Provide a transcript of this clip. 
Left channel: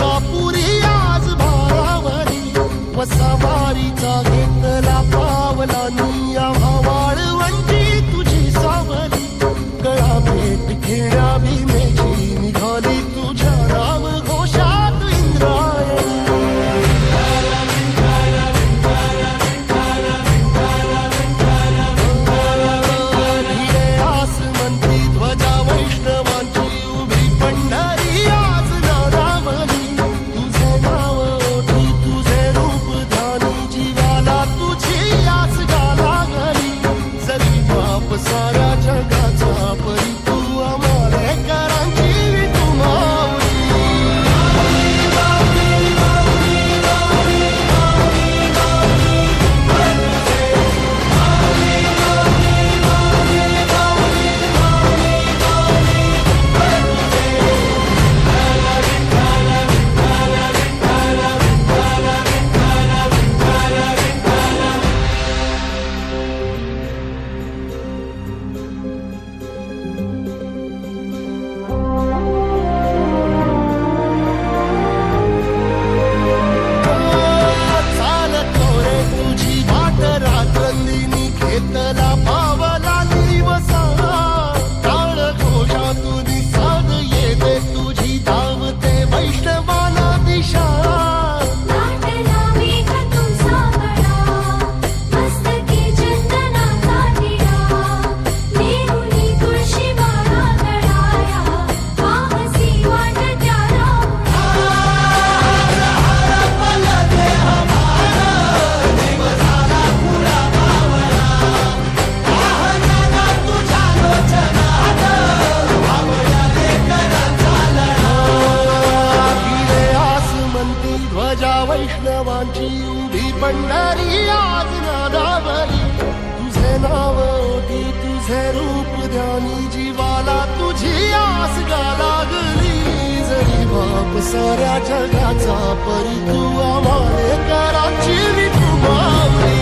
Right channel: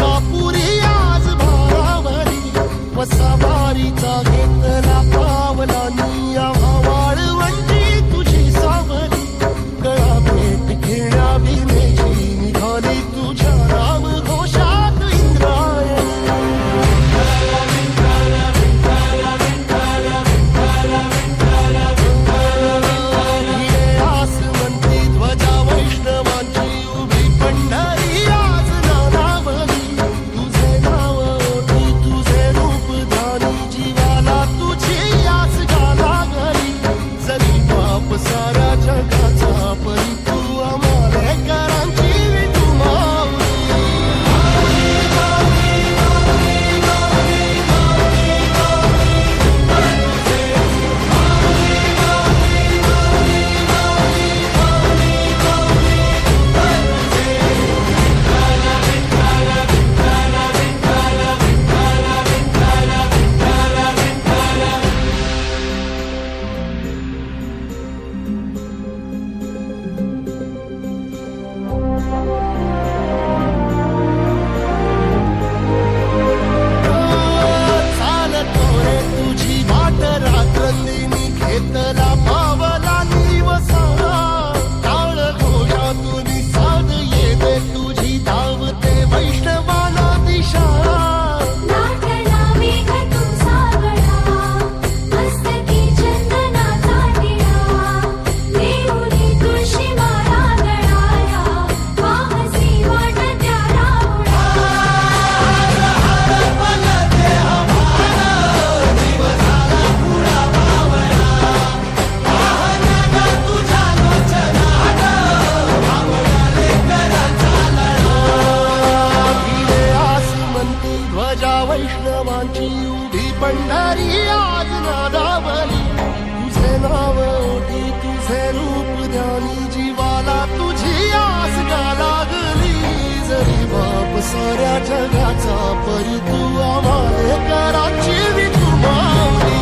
मलकापुरी आज भारावरी वसावारीचा घेतला पावला निया वाळवंटी तुझी सावली गळा भेट घेण्या भीमेची निघाली तुझ्या राम घोषात इंद्रायणी भिडे आसमंती ध्वजा वैष्णवांची उभी पंढरी आज नानावली तुझे नाव ओठी तुझे रूप ध्यानी जीवाला तुझी आस गाला गली जरी बाप साऱ्या जगाचा परी तू आमालेकरांची तू माऊली रात्रंदिनी घेतला पावला निवसा टाळ घोषातून साध येते तुझी धावते वैष्णवाला दिशा ध्वजा वैष्णवांची उभी पंढरी आज नादावली तुझे नाव ओठी तुझे रूप ध्यानी जीवाला तुझी आस गा लागली जरी बाप साऱ्या जगाचा परी तू आम्हालेकरांची तू माऊली